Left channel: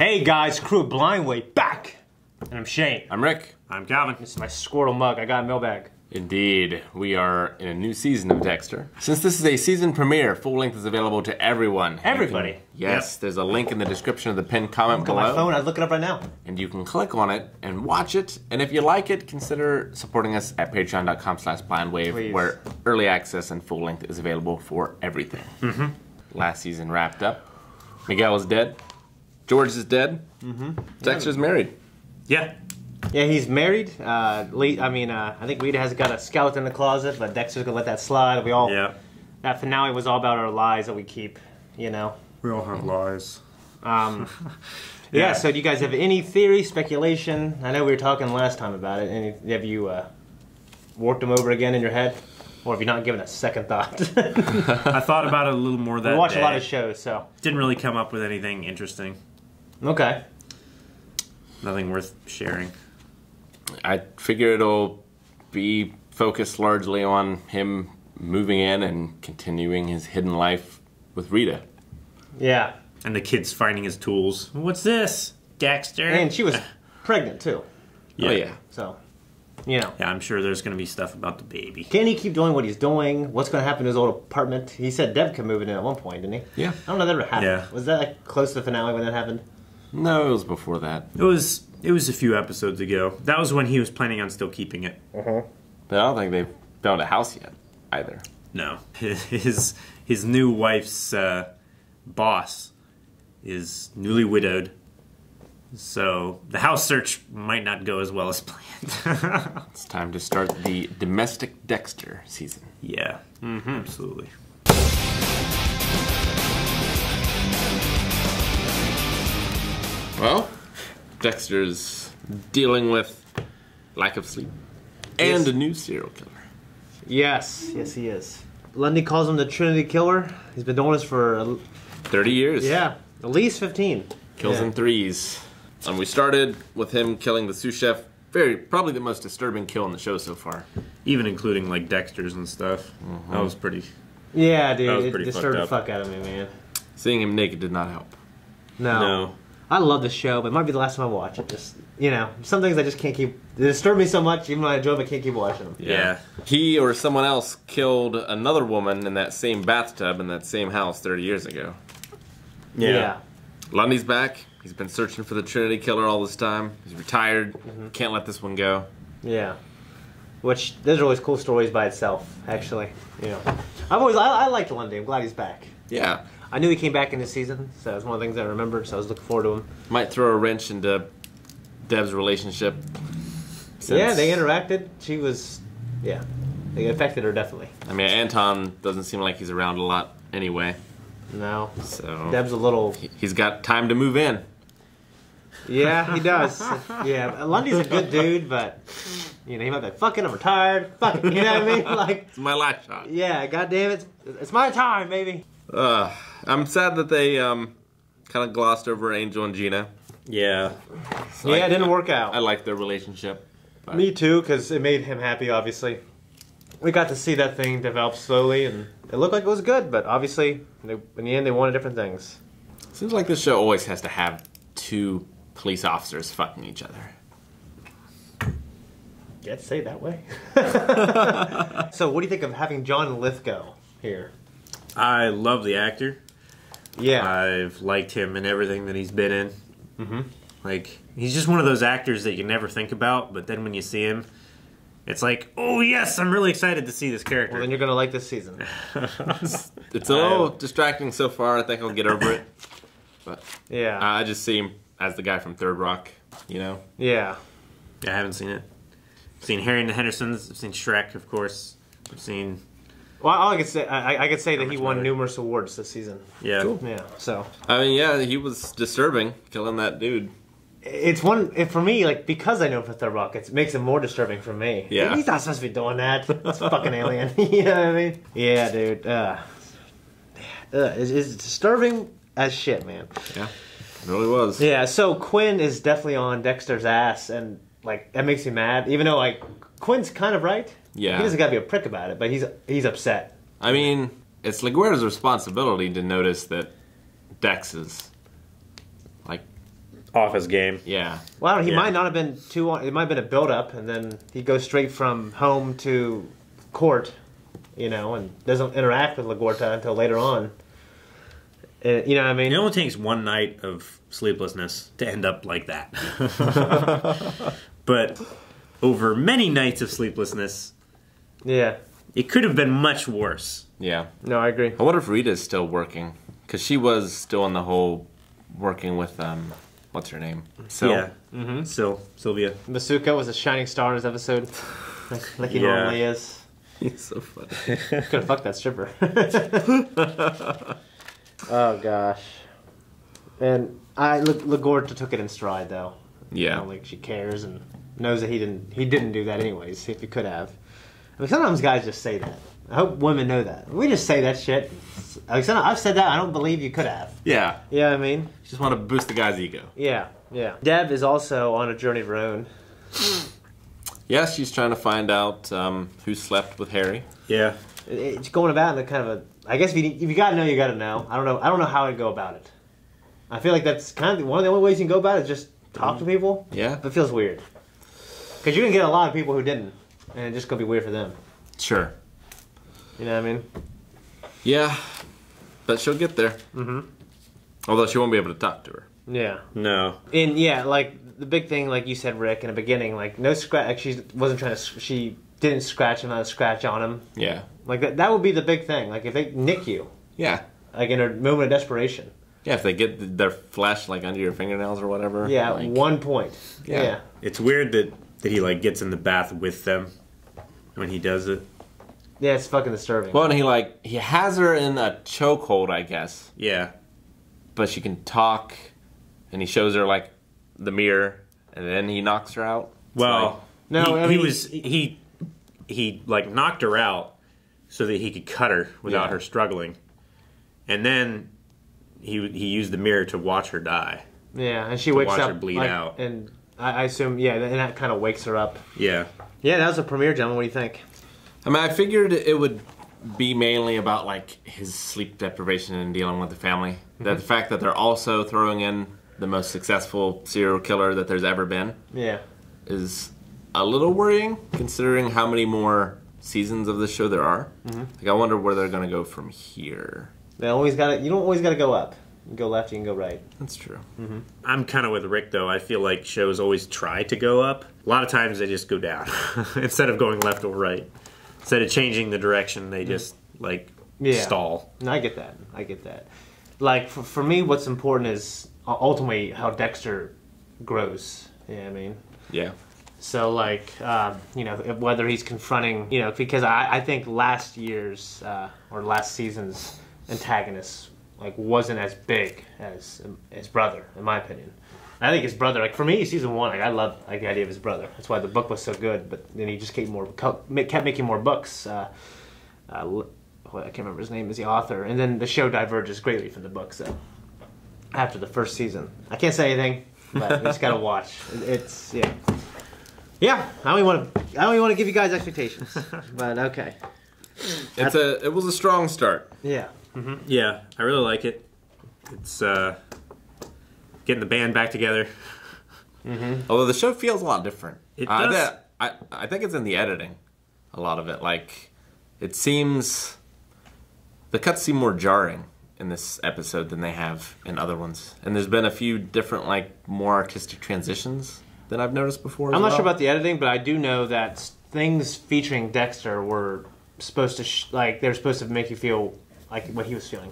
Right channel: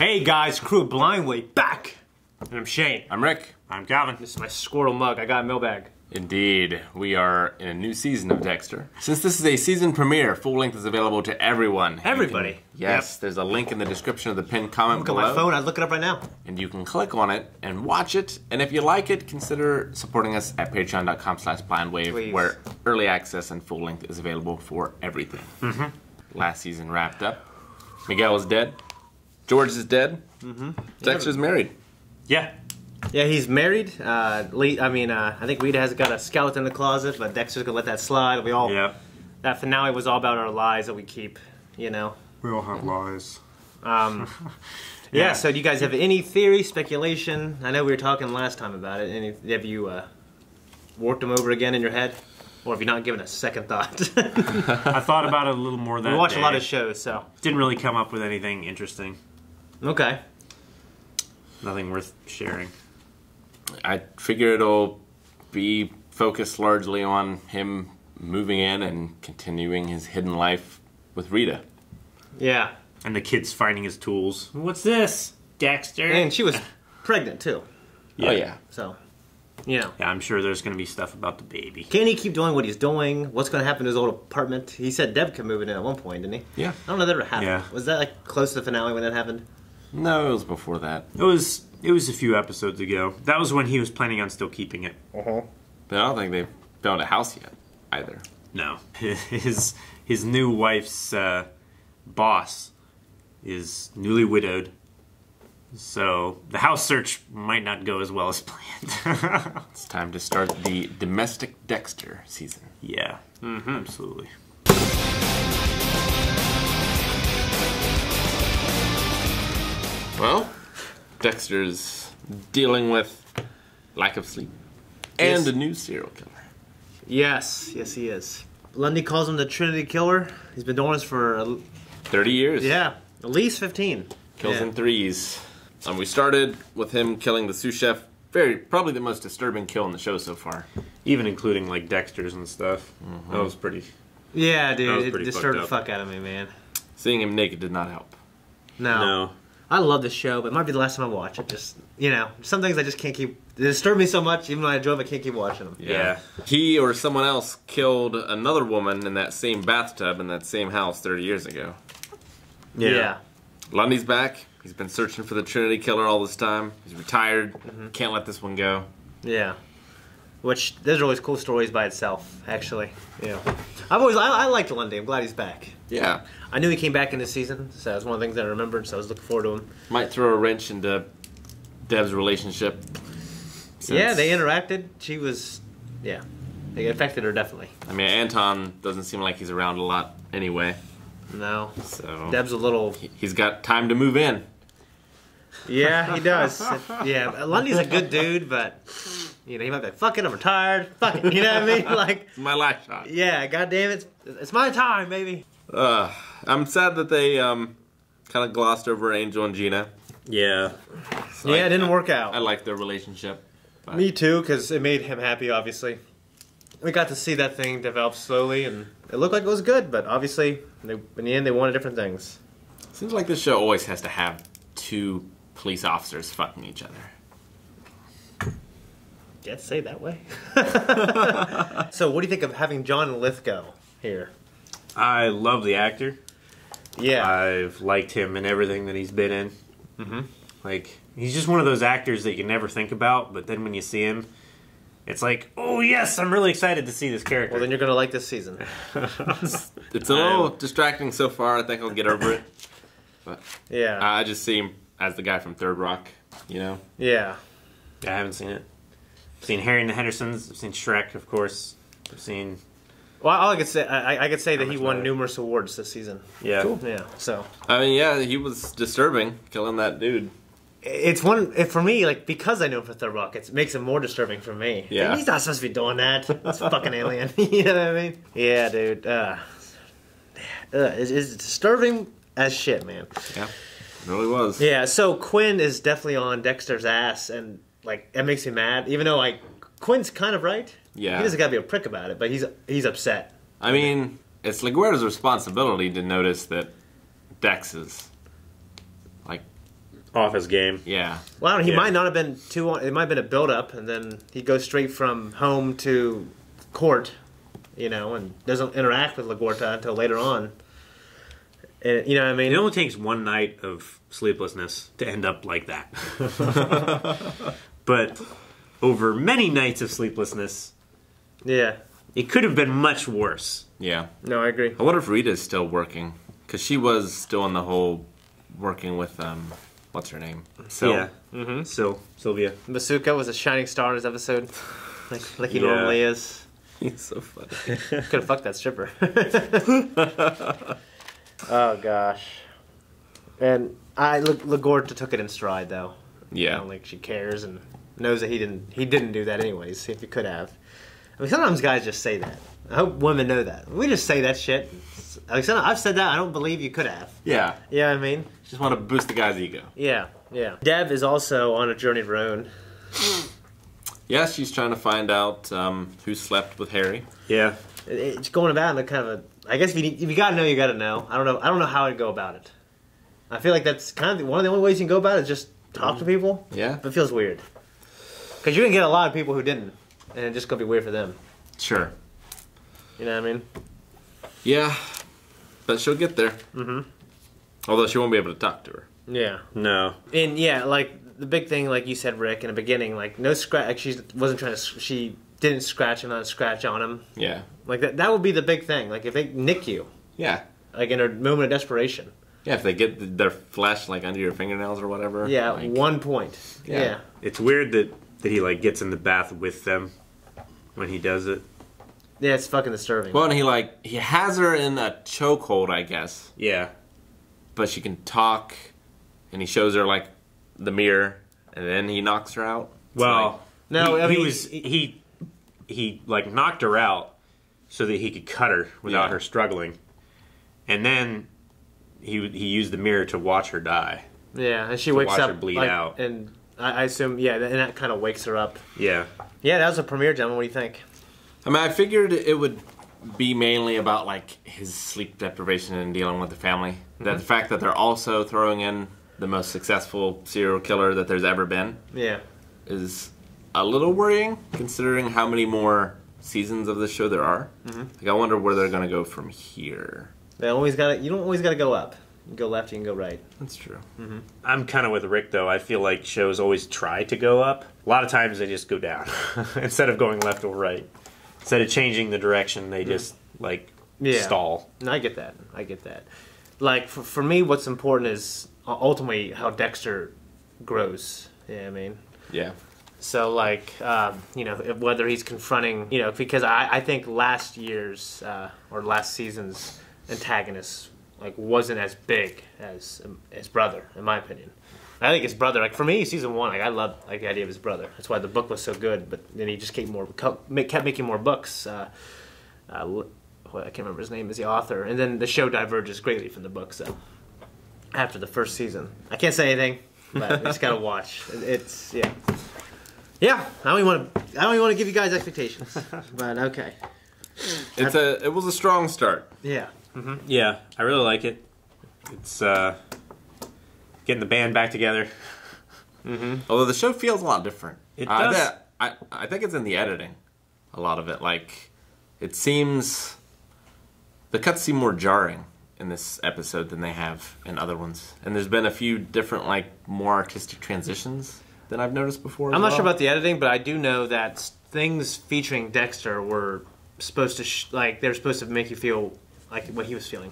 Hey guys, crew of Blindway back! And I'm Shane. I'm Rick. I'm Calvin. This is my Squirtle mug. I got a mailbag. Indeed, we are in a new season of Dexter. Since this is a season premiere, full length is available to everyone. Everybody? Yes, there's a link in the description of the pinned comment Look below. at my phone, I'd look it up right now. And you can click on it and watch it. And if you like it, consider supporting us at patreon.com/blindwave, where early access and full length is available for everything. Last season wrapped up. Miguel is dead. George is dead. Dexter's married. Yeah. Yeah, he's married. I think Rita has got a skeleton in the closet, but Dexter's gonna let that slide. We all. Yep. That finale was all about our lies that we keep, you know. We all have lies. Yeah. So, do you guys have any theory, speculation? I know we were talking last time about it. Have you worked them over again in your head, or have you not given a second thought? I thought about it a little more that We watch day. a lot of shows, so Didn't really come up with anything interesting. okay. Nothing worth sharing. I figure it'll be focused largely on him moving in and continuing his hidden life with Rita. Yeah. And the kids finding his tools. What's this? Dexter? And she was pregnant too, Oh, yeah. so you know. Yeah, I'm sure there's going to be stuff about the baby. Can he keep doing what he's doing? What's going to happen to his old apartment? He said Deb could move it in at one point, didn't he? Yeah. I don't know if that ever happened. Yeah. Was that like close to the finale when that happened? No, it was before that. It was a few episodes ago. That was when he was planning on still keeping it. But I don't think they've built a house yet, either. No. His new wife's boss is newly widowed. So the house search might not go as well as planned. It's time to start the domestic Dexter season. Yeah. Absolutely. Well, Dexter's dealing with lack of sleep and a new serial killer. Yes, yes, he is. Lundy calls him the Trinity Killer. He's been doing this for 30 years. at least 15. Kills in threes. We started with him killing the sous chef. Probably the most disturbing kill in the show so far. Even including like Dexter's and stuff. That was pretty. Yeah, That was dude, it pretty disturbed the fucked fuck out of me, man. Seeing him naked did not help. No. I love this show, but it might be the last time I watch it. Just, you know, some things I just can't keep. They disturb me so much, even though I enjoy them, I can't keep watching them. Yeah. He or someone else killed another woman in that same bathtub in that same house 30 years ago. Yeah. Lundy's back. He's been searching for the Trinity Killer all this time. He's retired. Can't let this one go. Yeah. Which, those are always cool stories by itself, actually. Yeah. I liked Lundy. I'm glad he's back. Yeah. I knew he came back in this season, so that was one of the things I remembered, so I was looking forward to him. Might throw a wrench into Deb's relationship. Yeah, they interacted. She was, yeah. It affected her, definitely. I mean, Anton doesn't seem like he's around a lot anyway. No. So Deb's a little... he's got time to move in. Yeah, he does. Yeah, Lundy's a good dude, but... You know, he might be like, fuck it, I'm retired. Fuck it, you know what I mean? Like, It's my last shot. yeah, goddamn it. It's my time, baby. I'm sad that they kind of glossed over Angel and Gina. Yeah. Yeah, it didn't work out. I like their relationship. But Me too, because it made him happy, obviously. We got to see that thing develop slowly, and it looked like it was good, but obviously, in the end, they wanted different things. Seems like this show always has to have two police officers fucking each other. Yeah, say it that way. So, what do you think of having John Lithgow here? I love the actor. Yeah. I've liked him in everything that he's been in. Like, he's just one of those actors that you never think about, but then when you see him, it's like, oh yes, I'm really excited to see this character. Well, then you're going to like this season. It's a little distracting so far. I think I'll get over it. But Yeah. I just see him as the guy from Third Rock, you know? Yeah. I haven't seen it. I've seen Harry and the Hendersons. I've seen Shrek, of course. I've seen... Well, all I could say, I could say that he much won matter. numerous awards this season. Yeah. Cool. Yeah, so... I mean, yeah, he was disturbing, killing that dude. It's one, for me, like, because I know him for Third Rock, it makes it more disturbing for me. Yeah. He's not supposed to be doing that. It's fucking alien. You know what I mean? Yeah, dude. It's disturbing as shit, man. Yeah, it really was. Yeah, so Quinn is definitely on Dexter's ass, and, like, that makes me mad. Even though, like, Quinn's kind of right. Yeah. He doesn't gotta be a prick about it, but he's upset. I mean, it's LaGuerta's responsibility to notice that Dex is, like, off his game. Yeah. Well, he Yeah. might not have been too. It might have been a build-up, and then he goes straight from home to court, and doesn't interact with LaGuerta until later on. And, you know what I mean? It only takes one night of sleeplessness to end up like that. But over many nights of sleeplessness, Yeah. it could have been much worse. Yeah. No, I agree. I wonder if Rita's still working. Because she was still in the whole working with, what's her name? Sil? Yeah. Mm-hmm. Sylvia. Masuka was a shining star in this episode, like he Yeah. normally is. He's so funny. Could have fucked that stripper. Oh, gosh. And LaGuerta took it in stride, though. Yeah. Like, she cares and knows that he didn't do that anyways, if he could have. I mean, sometimes guys just say that. I hope women know that. We just say that shit. Like, I've said that. I don't believe you could have. Yeah. You know what I mean? Just want to boost the guy's ego. Yeah, yeah. Deb is also on a journey of her own. Yeah, she's trying to find out who slept with Harry. Yeah. It's going about in a kind of a... I guess if you gotta know, you gotta know. I don't know how I'd go about it. I feel like that's kind of one of the only ways you can go about it is just talk to people. Yeah. But it feels weird. Because you can get a lot of people who didn't. And it's just gonna be weird for them. Sure. You know what I mean? Yeah. But she'll get there. Mm-hmm. Although she won't be able to talk to her. Yeah. No. And yeah, like the big thing, like you said, Rick, in the beginning, like no scratch. Like she wasn't trying to. She didn't scratch him, not a scratch on him. Yeah. Like that would be the big thing. Like if they nick you, Yeah. like in a moment of desperation. Yeah, if they get their flesh like under your fingernails or whatever. Yeah, like, 1 point. Yeah. Yeah. It's weird that he like gets in the bath with them when he does it. Yeah, it's fucking disturbing. Well, and he has her in a chokehold, I guess. Yeah. But she can talk, and he shows her like the mirror, and then he knocks her out. It's Well, like, No, I mean, he like knocked her out so that he could cut her without Yeah. her struggling, and then he used the mirror to watch her die. yeah, and she wakes watch up her bleed like, out. and I assume and that kind of wakes her up. Yeah. Yeah, that was a premiere, gentlemen. What do you think? I mean, I figured it would be mainly about like his sleep deprivation and dealing with the family. That the fact that they're also throwing in the most successful serial killer that there's ever been Yeah. is a little worrying, considering how many more seasons of this show there are. Like, I wonder where they're going to go from here. You don't always gotta go up. You can go left, you can go right. That's true. I'm kind of with Rick though. I feel like shows always try to go up. A lot of times they just go down instead of going left or right. Instead of changing the direction, they just like stall. No, I get that. Like for me, what's important is ultimately how Dexter grows. Yeah, I mean. Yeah. So like, whether he's confronting, because I think last year's or last season's antagonist like wasn't as big as his brother, in my opinion. I think his brother, like for me, season 1, like I love like the idea of his brother. That's why the book was so good. But then he just kept making more books. I can't remember his name as the author. And then the show diverges greatly from the book. So after the first season, I can't say anything, but you just gotta watch. It's yeah. I don't even want to give you guys expectations, but okay. It was a strong start. Yeah. Mm-hmm. Yeah, I really like it. It's getting the band back together. Although the show feels a lot different. It does. I think it's in the editing. A lot of it, like, it seems the cuts seem more jarring in this episode than they have in other ones. And there's been a few different, like, more artistic transitions than I've noticed before. I'm not sure about the editing, but I do know that things featuring Dexter were supposed to they're supposed to make you feel like what he was feeling,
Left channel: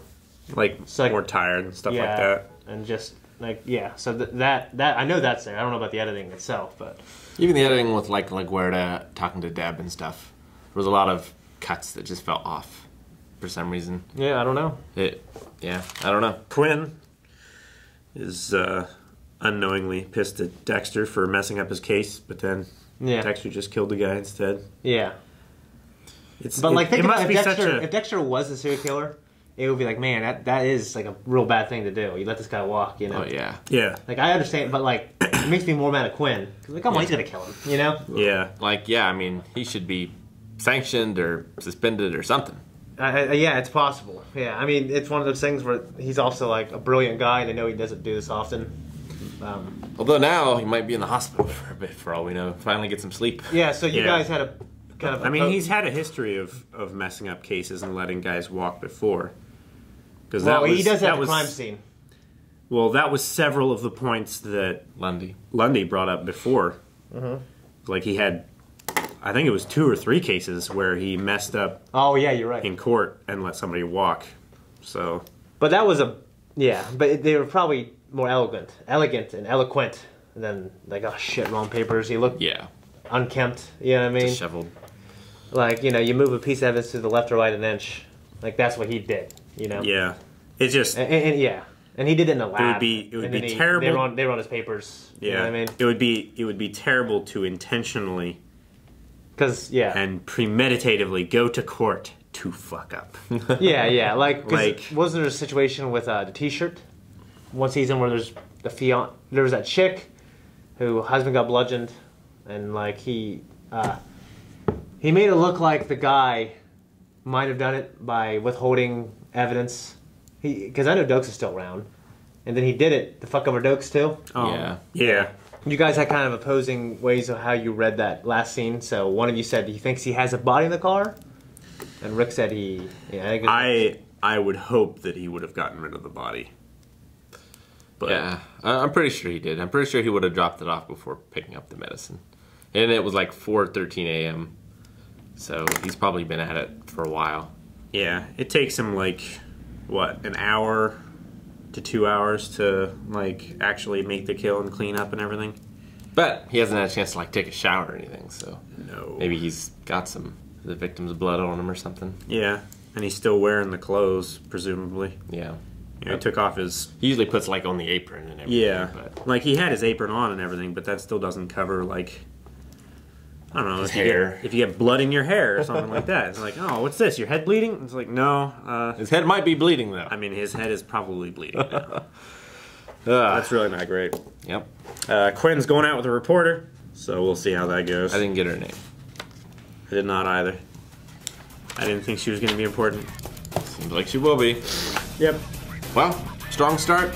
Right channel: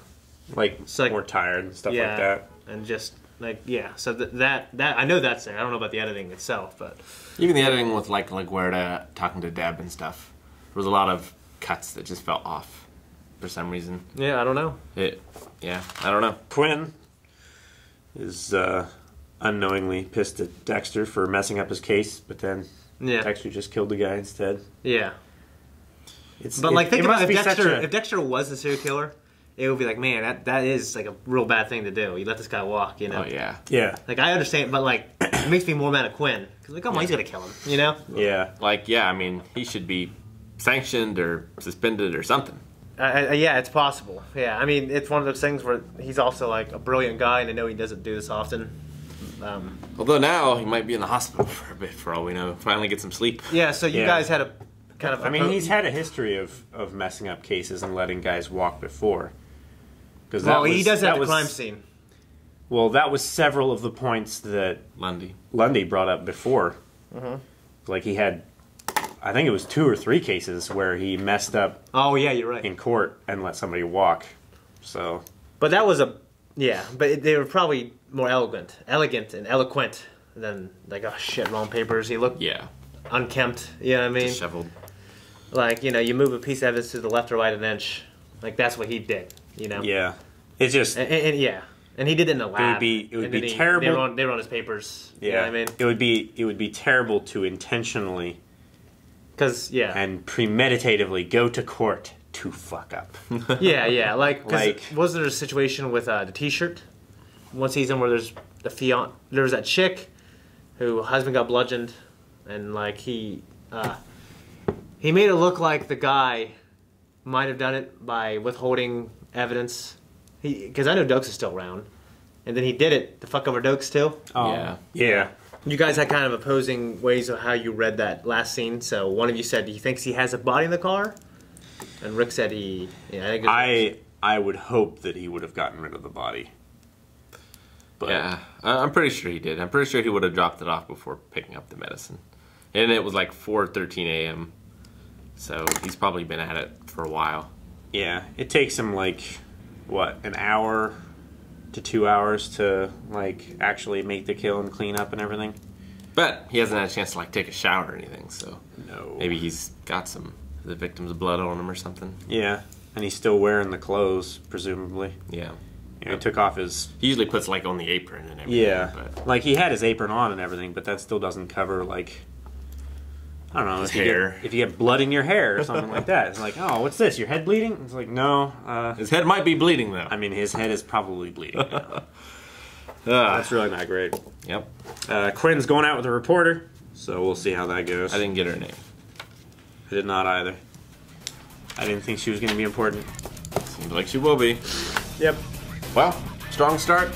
Like more tired and stuff like that. and just like So that I know that's there. I don't know about the editing itself, but Even the editing with, like Guerta talking to Deb and stuff, there was a lot of cuts that just felt off for some reason. yeah, I don't know. I don't know. Quinn is unknowingly pissed at Dexter for messing up his case, but then Dexter just killed the guy instead. Yeah. Think about if Dexter was the serial killer, it would be like, man, that is like a real bad thing to do. You let this guy walk, Oh, yeah. Yeah. Like, I understand, but like, it makes me more mad at Quinn. Because, like, come on, he's gonna kill him, Yeah. Like, I mean, he should be sanctioned or suspended or something. Yeah, it's possible. Yeah, I mean, it's one of those things where he's also like a brilliant guy, and I know he doesn't do this often. Although now he might be in the hospital for a bit, for all we know. Finally get some sleep. Yeah, so you guys had a kind of... I mean, he's had a history of messing up cases and letting guys walk before. Well, he does have a crime scene. Well, that was several of the points that Lundy brought up before. Like he had, I think it was 2 or 3 cases where he messed up. Oh yeah, you're right. In court and let somebody walk. So. But that was but they were probably more elegant and eloquent than like, oh shit, wrong papers. He looked unkempt. You know what I mean? Disheveled. Like, you know, you move a piece of evidence to the left or right an inch. Like that's what he did. You know? Yeah. It's just. And he did it in a lab. It would be terrible. They were on his papers. Yeah. You know what I mean? It would be terrible to intentionally. And premeditatively go to court to fuck up. Yeah. Like, was there a situation with the T-shirt? One season where there's there was that chick who husband got bludgeoned, and like he made it look like the guy might have done it by withholding evidence. Because I know Dokes is still around, and then he did it to fuck over Dokes too. Yeah. You guys had kind of opposing ways of how you read that last scene. So one of you said he thinks he has a body in the car, and Rick said he. Yeah, I would hope that he would have gotten rid of the body. But. Yeah, I'm pretty sure he did. I'm pretty sure he would have dropped it off before picking up the medicine, and it was like 4:13 a.m. So he's probably been at it for a while. Yeah, it takes him like. What, an hour to 2 hours to like actually make the kill and clean up and everything? But he hasn't had a chance to like take a shower or anything, so no. Maybe he's got some of the victim's blood on him or something. Yeah, and he's still wearing the clothes, presumably. Yeah. You know, he took off his... He usually puts like on the apron and everything. Yeah, but like he had his apron on and everything, but that still doesn't cover like... I don't know. His hair. If you get blood in your hair or something like that. It's like, oh, what's this? Your head bleeding? It's like, no. His head might be bleeding, though. I mean, his head is probably bleeding. That's really not great. Yep. Quinn's going out with a reporter, so we'll see how that goes. I didn't get her name. I did not either. I didn't think she was going to be important. Seems like she will be. Yep. Well, strong start.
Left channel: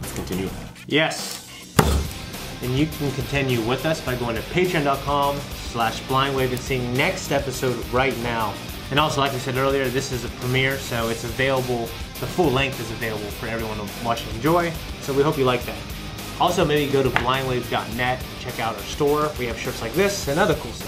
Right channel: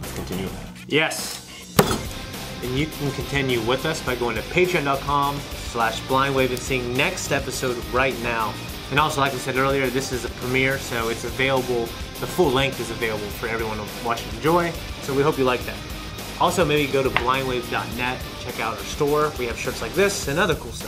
Let's continue. Yes. And you can continue with us by going to patreon.com/blindwave and seeing next episode right now. And also, like I said earlier, this is a premiere, so it's available, the full length is available for everyone to watch and enjoy. So we hope you like that. Also, maybe go to blindwave.net and check out our store. We have shirts like this and other cool stuff.